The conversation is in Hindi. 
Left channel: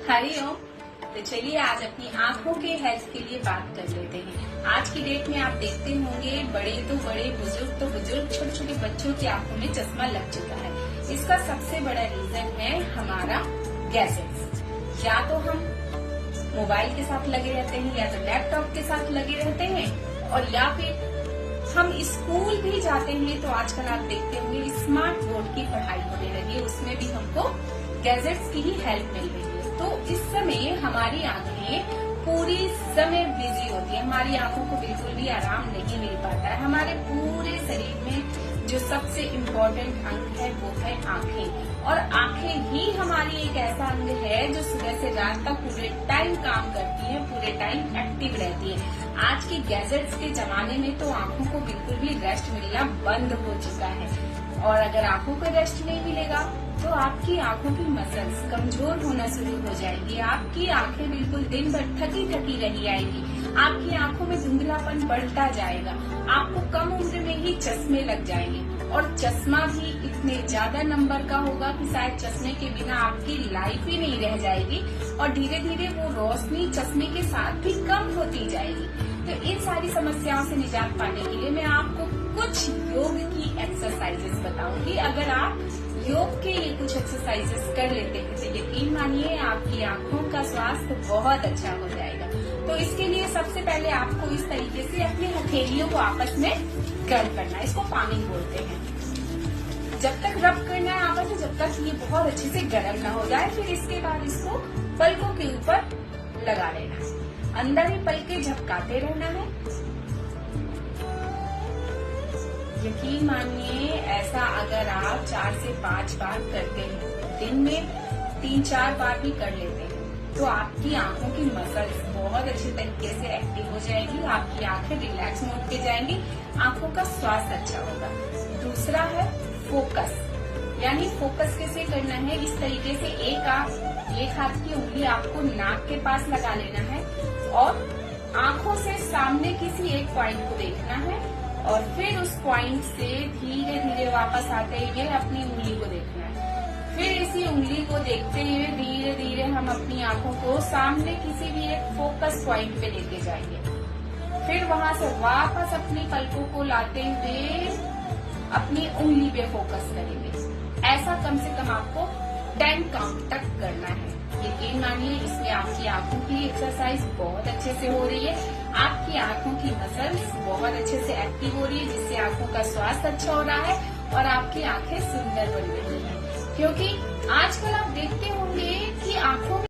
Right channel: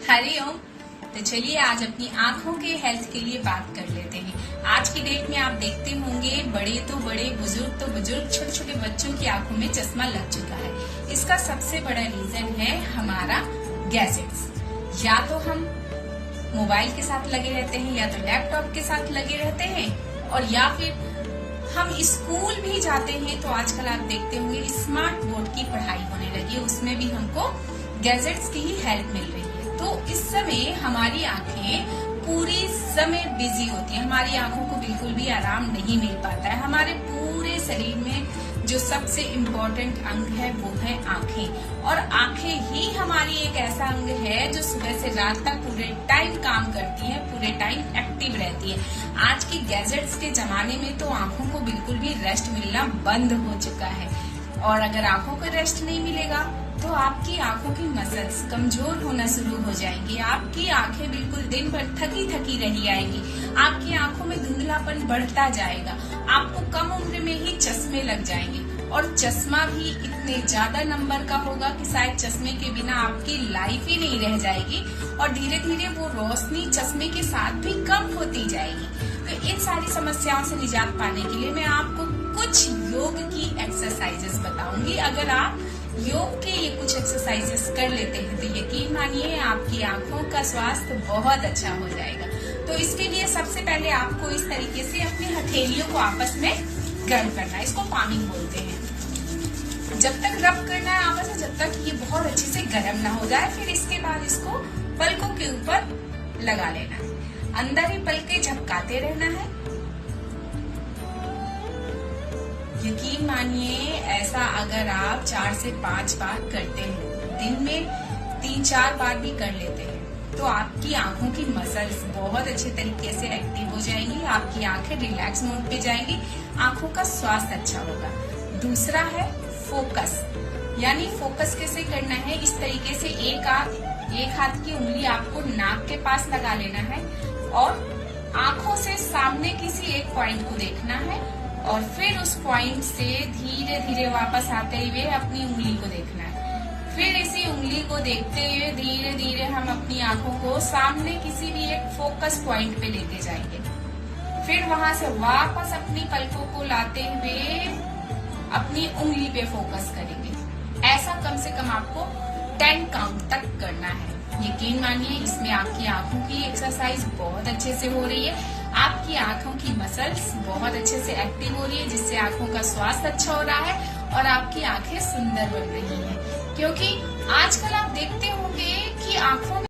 हरिओम। तो चलिए आज अपनी आंखों के हेल्थ के लिए बात कर लेते हैं। आज की डेट में आप देखते होंगे बड़े तो बड़े, बुजुर्ग तो बुजुर्ग, छोटे छोटे बच्चों की आंखों में चश्मा लग चुका है। इसका सबसे बड़ा रीजन है हमारा गैजेट्स। या तो हम मोबाइल के साथ लगे रहते हैं, या तो लैपटॉप के साथ लगे रहते हैं, और या फिर हम स्कूल भी जाते हैं तो आजकल आप देखते होंगे स्मार्ट बोर्ड की पढ़ाई होने लगी है, उसमें भी हमको गैजेट्स की ही हेल्प मिल रही है। तो इस समय हमारी आंखें पूरी समय बिजी होती है, हमारी आंखों को बिल्कुल भी आराम नहीं मिल पाता है। हमारे पूरे शरीर में जो सबसे इम्पोर्टेंट अंग है वो है आंखें, और आंखें ही हमारी एक ऐसा अंग है जो सुबह से रात तक पूरे टाइम काम करती है, पूरे टाइम एक्टिव रहती है। आज के गैजेट्स के जमाने में तो आंखों को बिल्कुल भी रेस्ट मिलना बंद हो चुका है, और अगर आंखों को रेस्ट नहीं मिलेगा तो आपकी आंखों की मसल्स कमजोर होना शुरू हो जाएंगी। आपकी आंखें बिल्कुल दिन भर थकी थकी रही आएंगी, आपकी आंखों में धुंधलापन बढ़ता जाएगा, आपको कम उम्र में ही चश्मे लग जाएंगे, और चश्मा भी इतने ज्यादा नंबर का होगा कि शायद चश्मे के बिना आपकी लाइफ ही नहीं रह जाएगी, और धीरे धीरे वो रोशनी चश्मे के साथ भी कम होती जाएगी। तो इन सारी समस्याओं से निजात पाने के लिए मैं आपको कुछ योग की एक्सरसाइजेस बताऊंगी। अगर आप योग के ये कुछ एक्सरसाइजेस कर लेते हैं तो यकीन मानिए आपकी आंखों का स्वास्थ्य बहुत अच्छा हो जाएगा। तो इसके लिए सबसे पहले आपको इस तरीके से अपनी हथेलियों को आपस में गर्म करना है, इसको पामिंग बोलते हैं। जब तक रब करना है आपस में, जब तक ये बहुत अच्छे से गर्म ना हो जाए। फिर इसके बाद इसको पलकों के ऊपर लगा लेना है, अंदर ही पलके झपकाते रहना है। यकीन मानिए ऐसा अगर आप 4 से 5 बार करते हैं, दिन में 3-4 बार भी कर लेते हैं, तो आपकी आंखों की मसल्स बहुत अच्छे तरीके से एक्टिव हो जाएंगी, आपकी आंखें रिलैक्स मोड पे जाएंगी, आंखों का स्वास्थ्य अच्छा होगा। दूसरा है फोकस, यानी फोकस कैसे करना है, इस तरीके से एक हाथ की उंगली आपको नाक के पास लगा लेना है, और आंखों से सामने किसी एक पॉइंट को देखना है, और फिर उस पॉइंट से धीरे धीरे वापस आते हुए अपनी उंगली को देखना है। फिर इसी उंगली को देखते हुए धीरे धीरे हम अपनी आंखों को सामने किसी भी एक फोकस पॉइंट पे लेके जाएंगे। फिर वहां से वापस अपनी पलकों को लाते हुए अपनी उंगली पे फोकस करेंगे। ऐसा कम से कम आपको 10 काउंट तक करना है। यकीन मानिए इसमें आपकी आंखों की एक्सरसाइज बहुत अच्छे से हो रही है, आपकी आंखों की मसल्स बहुत अच्छे से एक्टिव हो रही है, जिससे आंखों का स्वास्थ्य अच्छा हो रहा है, और आपकी आंखें सुंदर बन रही हैं। क्योंकि आजकल आप देखते होंगे कि आंखों में